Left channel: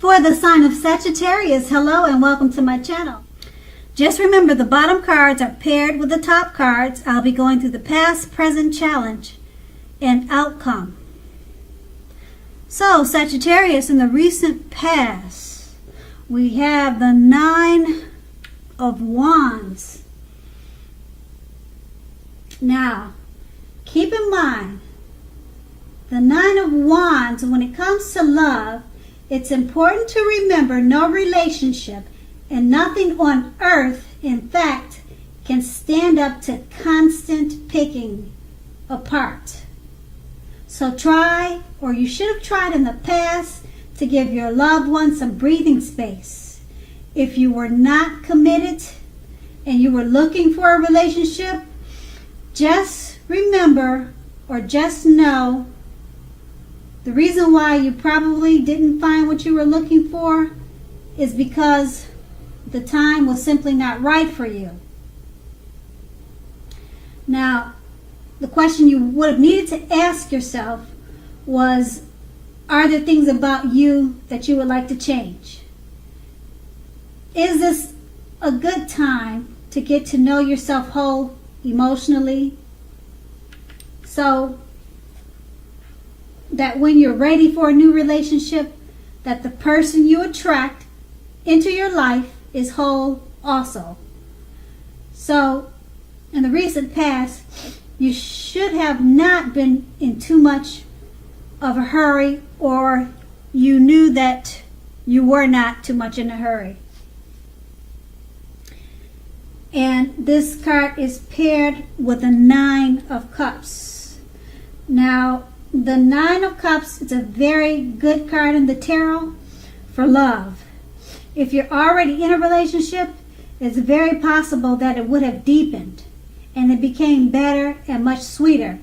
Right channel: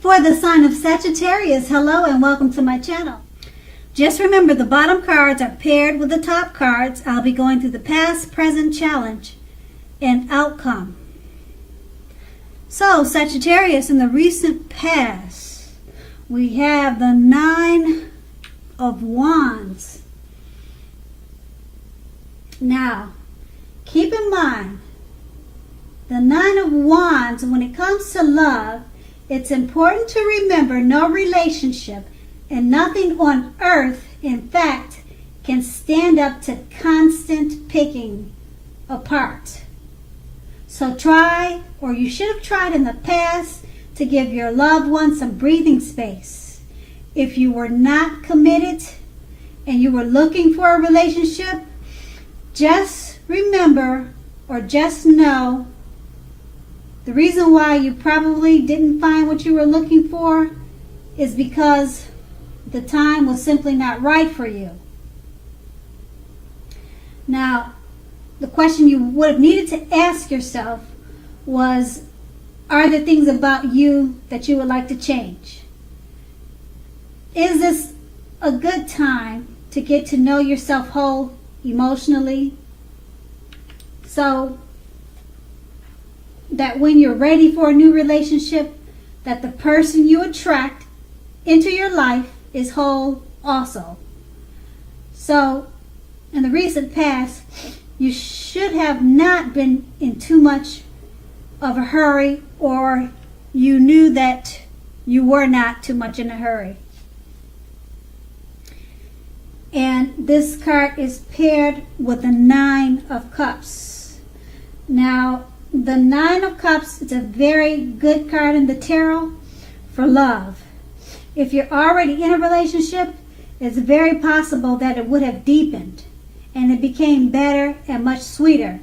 For the sign of Sagittarius, hello and welcome to my channel. Just remember the bottom cards are paired with the top cards. I'll be going through the past, present, challenge, and outcome. So Sagittarius, in the recent past, we have the 9 of Wands. Now, keep in mind, the 9 of Wands, when it comes to love, it's important to remember no relationship and nothing on earth, in fact, can stand up to constant picking apart. So try, or you should have tried in the past, to give your loved one some breathing space. If you were not committed and you were looking for a relationship, just remember or just know the reason why you probably didn't find what you were looking for is because the time was simply not right for you. Now, the question you would have needed to ask yourself was, are there things about you that you would like to change? Is this a good time to get to know yourself whole emotionally, so that when you're ready for a new relationship, that the person you attract into your life is whole also? So in the recent past, you should have not been in too much of a hurry, or you knew that you were not too much in a hurry. And this card is paired with the 9 of Cups. Now, the 9 of Cups is a very good card in the tarot for love. If you're already in a relationship, it's very possible that it would have deepened and it became better and much sweeter.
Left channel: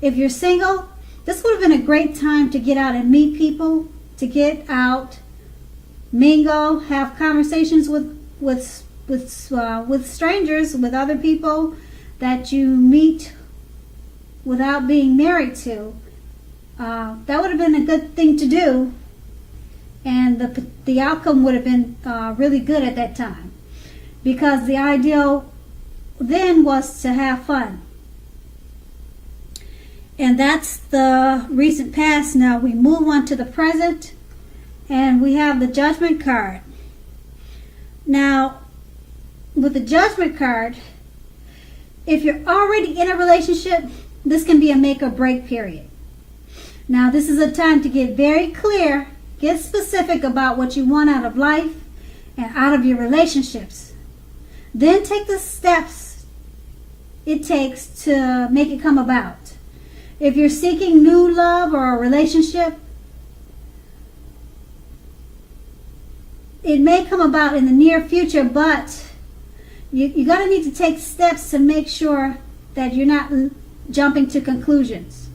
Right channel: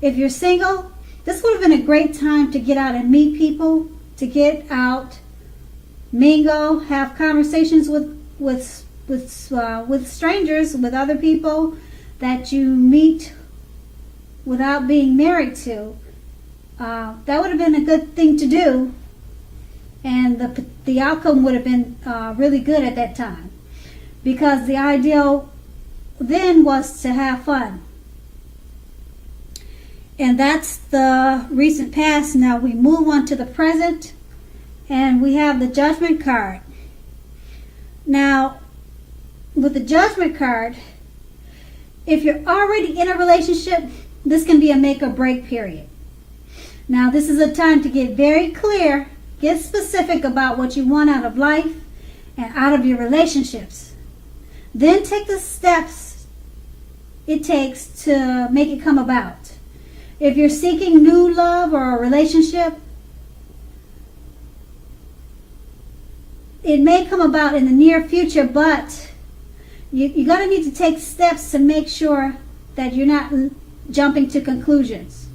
If you're single, this would have been a great time to get out and meet people, to get out, mingle, have conversations with strangers, with other people that you meet without being married to. That would have been a good thing to do, and the outcome would have been really good at that time, because the ideal then was to have fun. And that's the recent past. Now we move on to the present, and we have the Judgment card. Now, with the Judgment card, if you're already in a relationship, this can be a make or break period. Now, this is a time to get very clear, get specific about what you want out of life and out of your relationships. Then take the steps it takes to make it come about. If you're seeking new love or a relationship, it may come about in the near future, but you're going to need to take steps to make sure that you're not jumping to conclusions,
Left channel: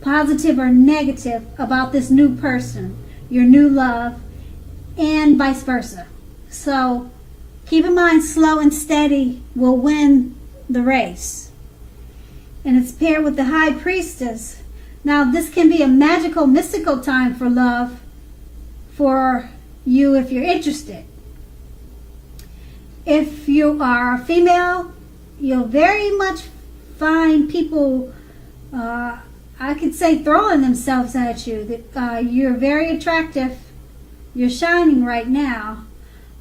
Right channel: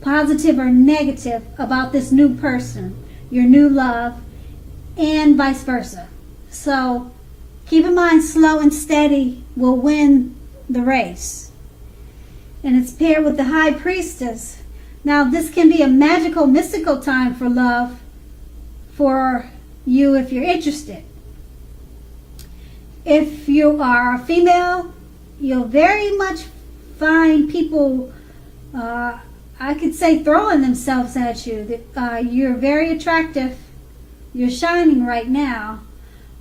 positive or negative, about this new person, your new love, and vice versa. So keep in mind, slow and steady will win the race. And it's paired with the High Priestess. Now, this can be a magical, mystical time for love for you if you're interested. If you are a female, you'll very much find people, I could say, throwing themselves at you. You're very attractive. You're shining right now.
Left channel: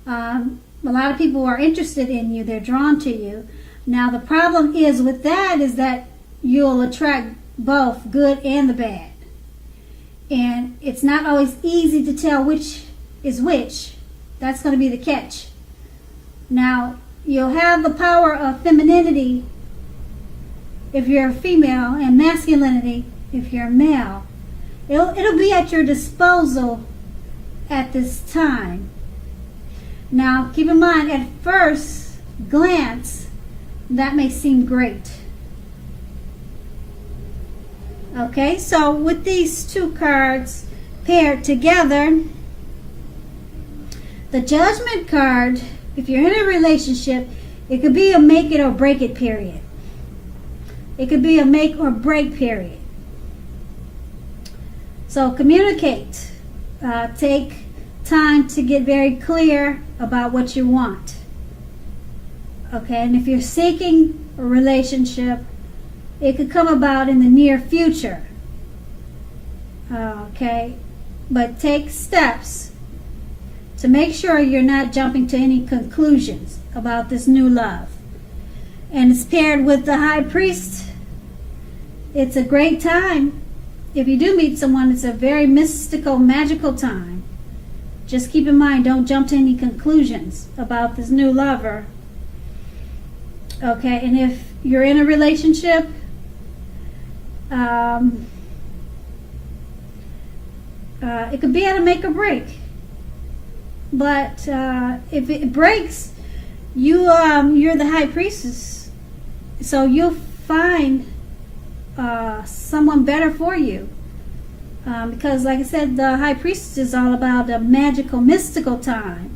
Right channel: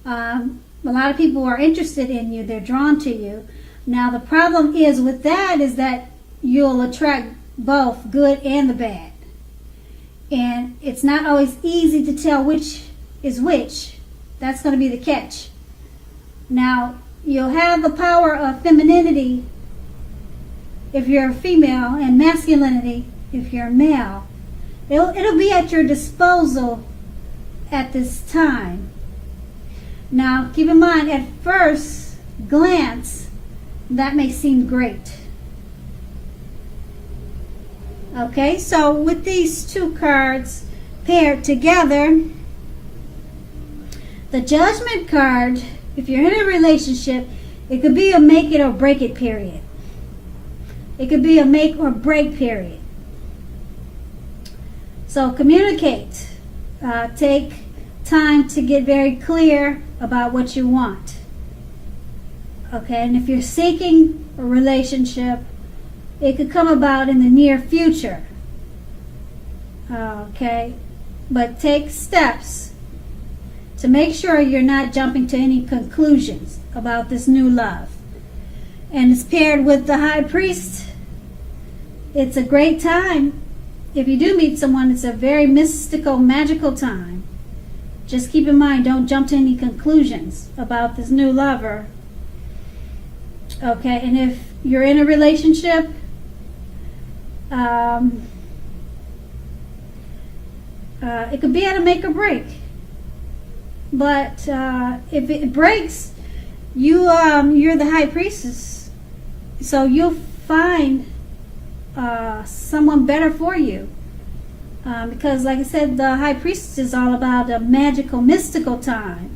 A lot of people are interested in you. They're drawn to you. Now, the problem is with that is that you'll attract both good and the bad. And it's not always easy to tell which is which. That's going to be the catch. Now, you'll have the power of femininity if you're a female, and masculinity if you're a male. It'll be at your disposal at this time. Now, keep in mind, at first glance, that may seem great. Okay, so with these two cards paired together, the Judgment card, if you're in a relationship, it could be a make it or break it period. It could be a make or break period. So communicate. Take time to get very clear about what you want. Okay, and if you're seeking a relationship, it could come about in the near future. Okay, but take steps to make sure you're not jumping to any conclusions about this new love. And it's paired with the High Priest. It's a great time. If you do meet someone, it's a very mystical, magical time. Just keep in mind, don't jump to any conclusions about this new lover. Okay, and if you're in a relationship, it could be at a make or break. But if it breaks, you're the High Priestess, so you'll find someone better for you. Because, like I said, the High Priestess is all about a magical, mystical time.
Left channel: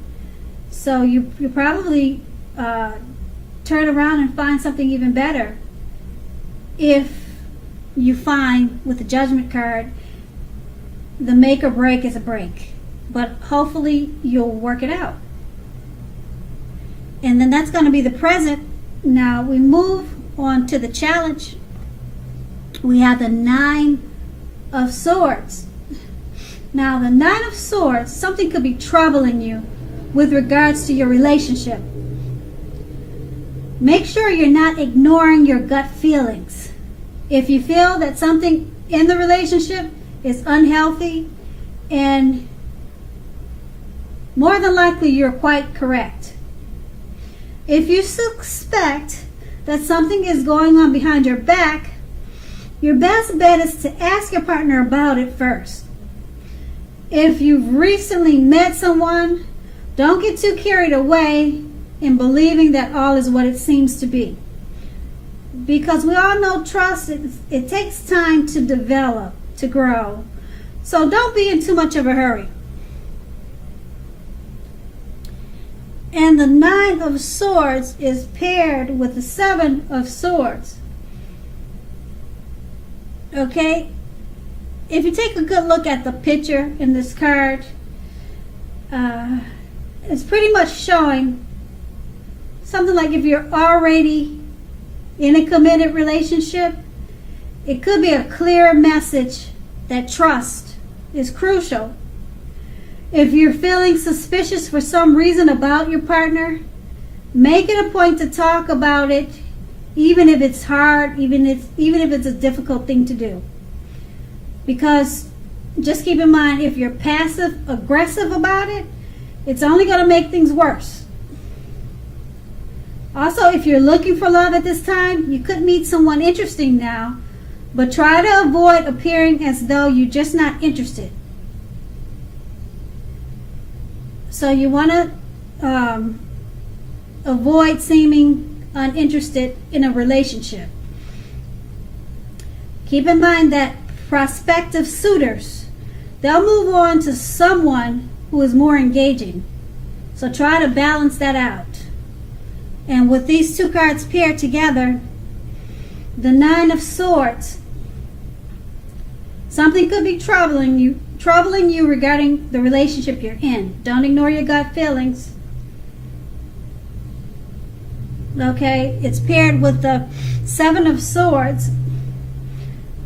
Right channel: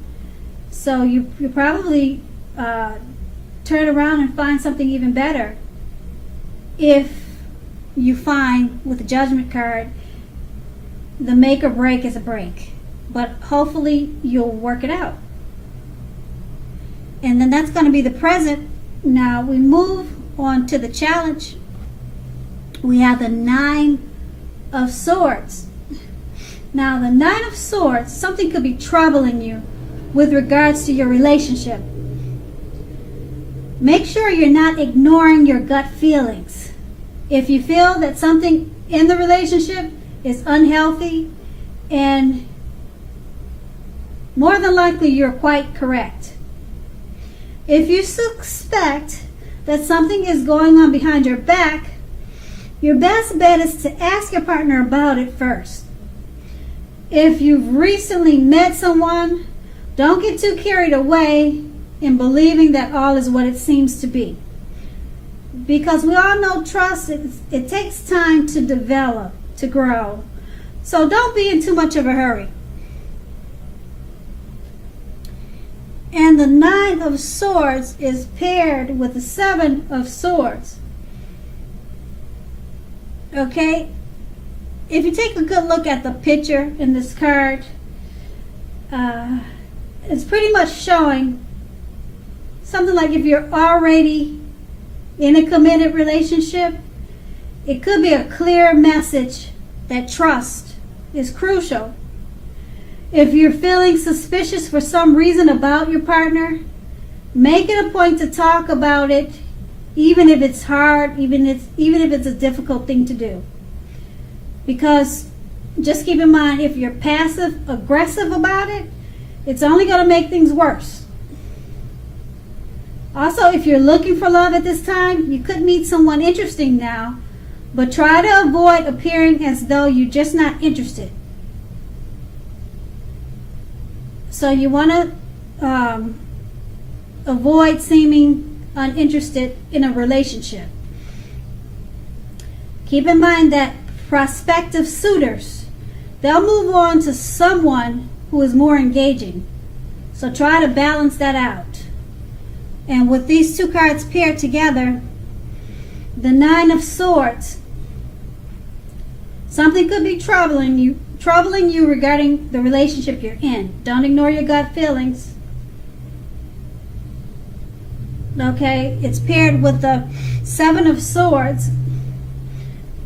So you probably turn around and find something even better if you find, with the Judgment card, the make or break is a break. But hopefully you'll work it out. And then that's going to be the present. Now we move on to the challenge. We have the Nine of Swords. Now the Nine of Swords, something could be troubling you with regards to your relationship. Make sure you're not ignoring your gut feelings. If you feel that something in the relationship is unhealthy, and more than likely you're quite correct. If you suspect that something is going on behind your back, your best bet is to ask your partner about it first. If you've recently met someone, don't get too carried away in believing that all is what it seems to be. Because we all know trust, it takes time to develop, to grow. So don't be in too much of a hurry. And the Nine of Swords is paired with the Seven of Swords. Okay? If you take a good look at the picture in this card, it's pretty much showing something like if you're already in a committed relationship, it could be a clear message that trust is crucial. If you're feeling suspicious for some reason about your partner, make it a point to talk about it, even if it's hard, even if it's a difficult thing to do. Because just keep in mind, if you're passive aggressive about it, it's only going to make things worse. Also, if you're looking for love at this time, you could meet someone interesting now, but try to avoid appearing as though you're just not interested. So you want to avoid seeming uninterested in a relationship. Keep in mind that prospective suitors, they'll move on to someone who is more engaging. So try to balance that out. And with these two cards paired together, the Nine of Swords, something could be troubling you regarding the relationship you're in. Don't ignore your gut feelings. Okay, it's paired with the Seven of Swords.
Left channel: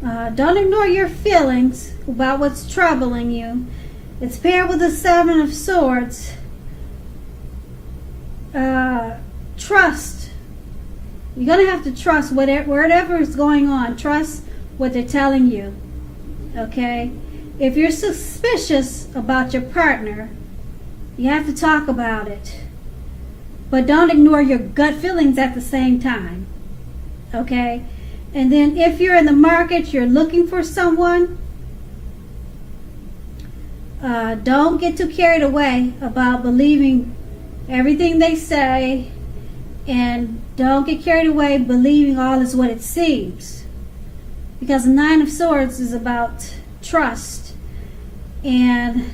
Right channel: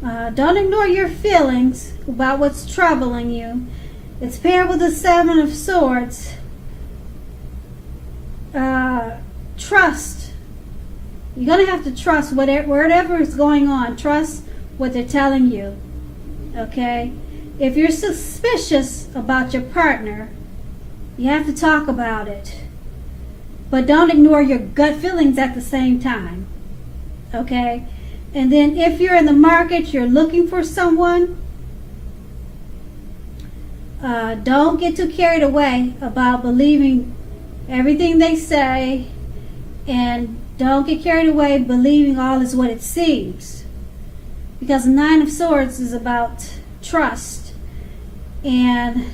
Don't ignore your feelings about what's troubling you. It's paired with the Seven of Swords. Trust. You're going to have to trust whatever is going on. Trust what they're telling you. Okay? If you're suspicious about your partner, you have to talk about it. But don't ignore your gut feelings at the same time. Okay? And then if you're in the market, you're looking for someone, don't get too carried away about believing everything they say, and don't get carried away believing all is what it seems. Because the Nine of Swords is about trust, and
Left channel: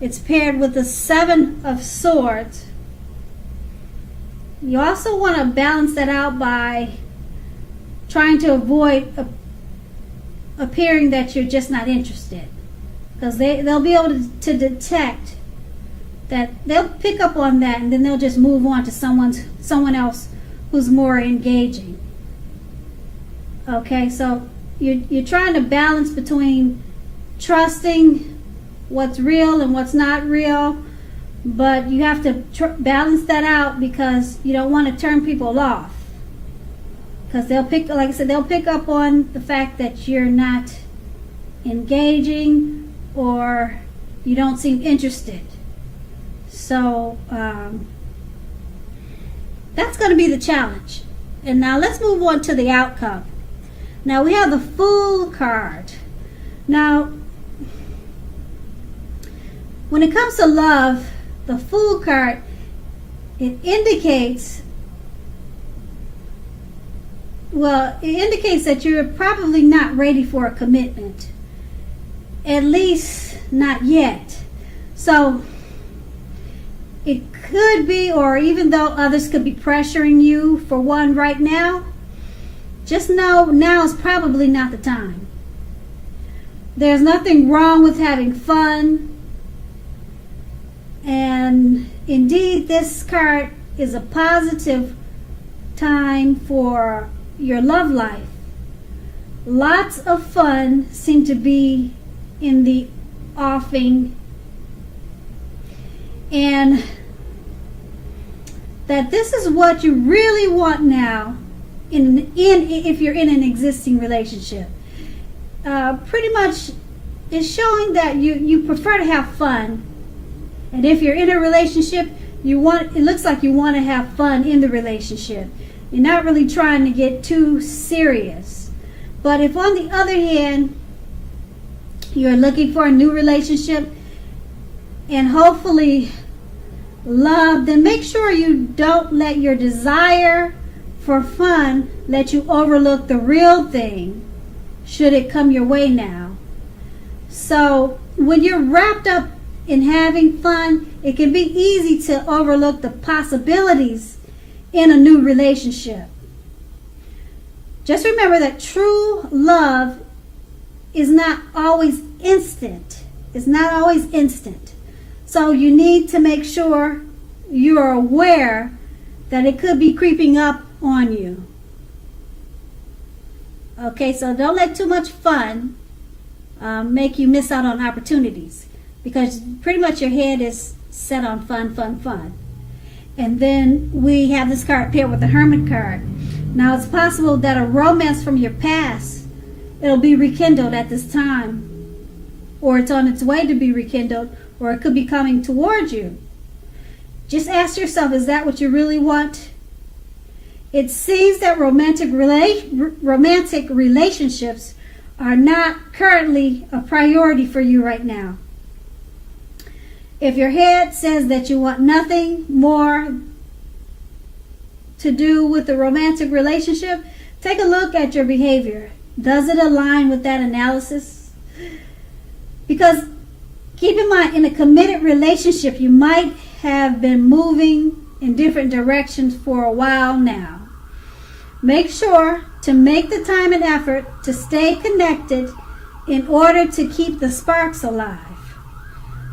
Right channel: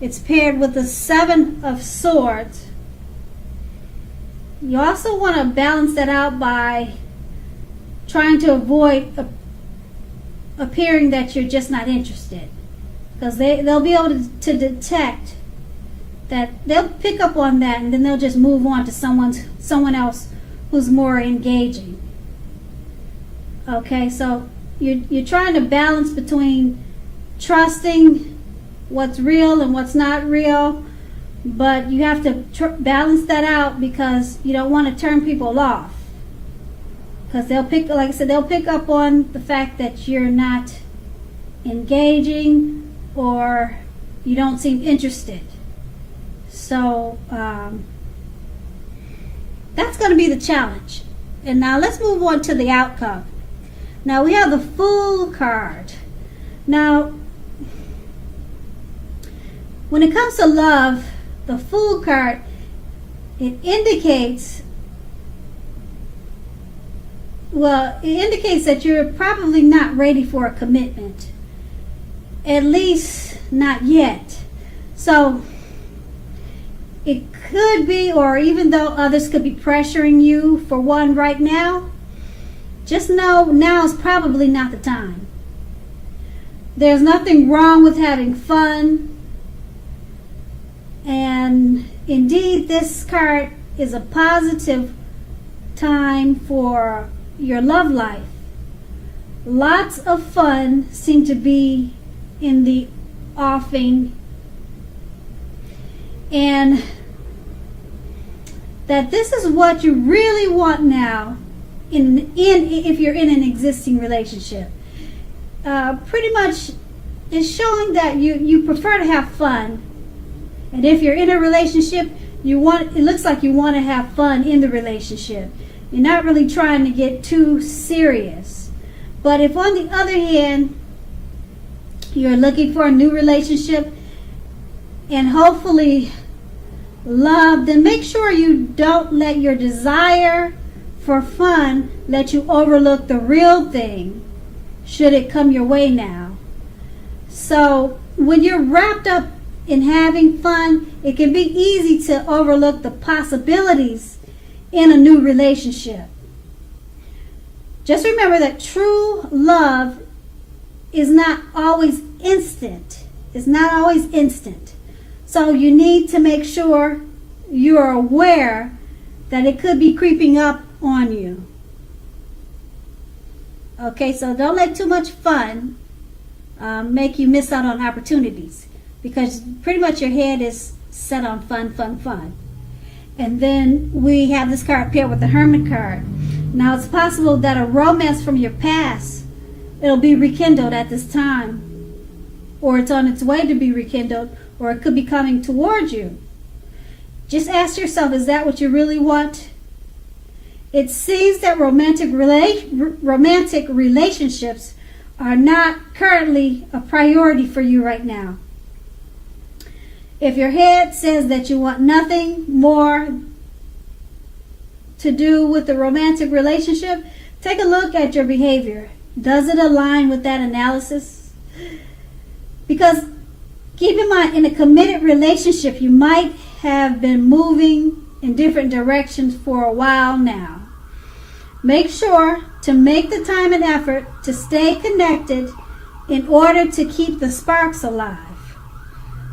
it's paired with the Seven of Swords. You also want to balance that out by trying to avoid appearing that you're just not interested, because they'll be able to detect that they'll pick up on that, and then they'll just move on to someone else who's more engaging. Okay, so you're trying to balance between trusting what's real and what's not real, but you have to balance that out because you don't want to turn people off. Because they'll pick, like I said, they'll pick up on the fact that you're not engaging or you don't seem interested. So that's going to be the challenge. And now let's move on to the outcome. Now we have the Fool card. Now, when it comes to love, the Fool card, it indicates that you're probably not ready for a commitment. At least not yet. So it could be, or even though others could be pressuring you for one right now, just know now is probably not the time. There's nothing wrong with having fun. And indeed, this card is a positive time for your love life. Lots of fun seem to be in the offing, and that this is what you really want now if you're in an existing relationship. Pretty much is showing that you prefer to have fun. And if you're in a relationship, it looks like you want to have fun in the relationship. You're not really trying to get too serious. But if on the other hand, you're looking for a new relationship and hopefully love, then make sure you don't let your desire for fun let you overlook the real thing should it come your way now. So when you're wrapped up in having fun, it can be easy to overlook the possibilities in a new relationship. Just remember that true love is not always instant. It's not always instant. So you need to make sure you're aware that it could be creeping up on you. Okay, so don't let too much fun make you miss out on opportunities, because pretty much your head is set on fun, fun, fun. And then we have this card paired with the Hermit card. Now it's possible that a romance from your past, it'll be rekindled at this time, or it's on its way to be rekindled, or it could be coming towards you. Just ask yourself, is that what you really want? It seems that romantic relationships are not currently a priority for you right now. If your head says that you want nothing more to do with the romantic relationship, take a look at your behavior. Does it align with that analysis? Because keep in mind, in a committed relationship, you might have been moving in different directions for a while now. Make sure to make the time and effort to stay connected in order to keep the sparks alive.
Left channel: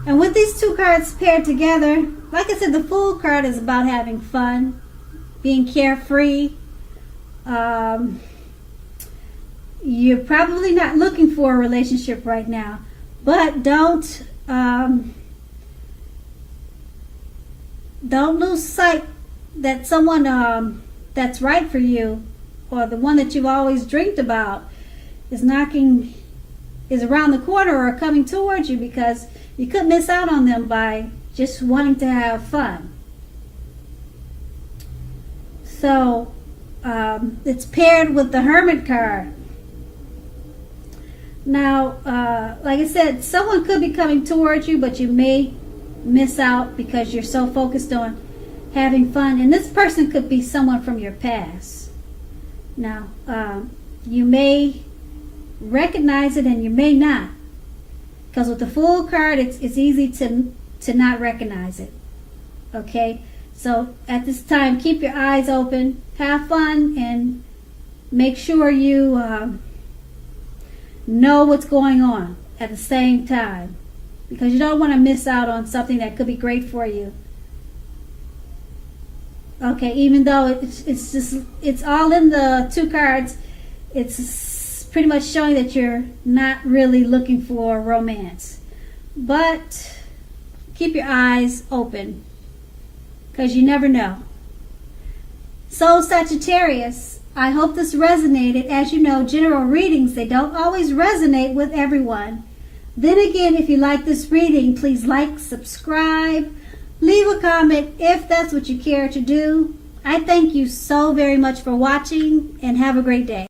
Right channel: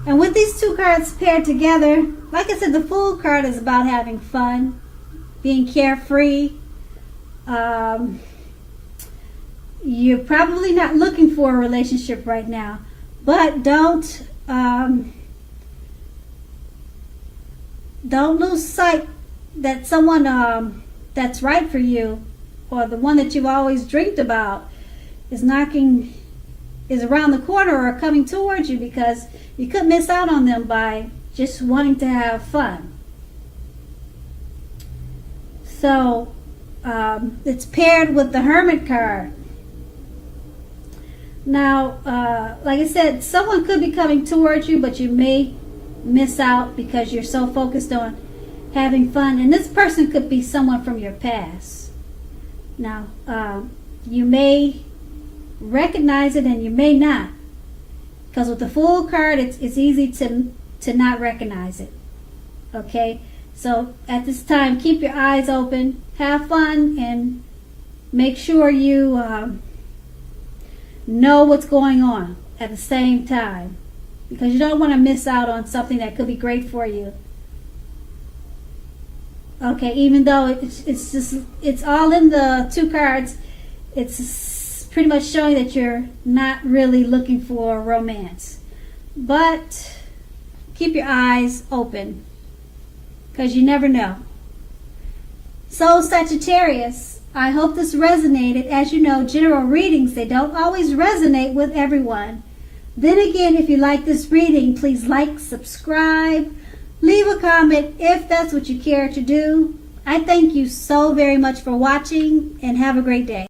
And with these two cards paired together, like I said, the Fool card is about having fun, being carefree. You're probably not looking for a relationship right now, but don't lose sight that someone that's right for you, or the one that you've always dreamed about, is around the corner or coming towards you, because you could miss out on them by just wanting to have fun. So it's paired with the Hermit card. Now, like I said, someone could be coming towards you, but you may miss out because you're so focused on having fun. And this person could be someone from your past. Now, you may recognize it and you may not. Because with the Fool card, it's easy to not recognize it. Okay? So at this time, keep your eyes open, have fun, and make sure you know what's going on at the same time. because you don't want to miss out on something that could be great for you. Okay, even though it's all in the 2 cards, it's pretty much showing that you're not really looking for romance. But keep your eyes open, because you never know. So Sagittarius, I hope this resonated. As you know, general readings, they don't always resonate with everyone. Then again, if you like this reading, please like, subscribe, leave a comment if that's what you care to do. I thank you so very much for watching, and have a great day.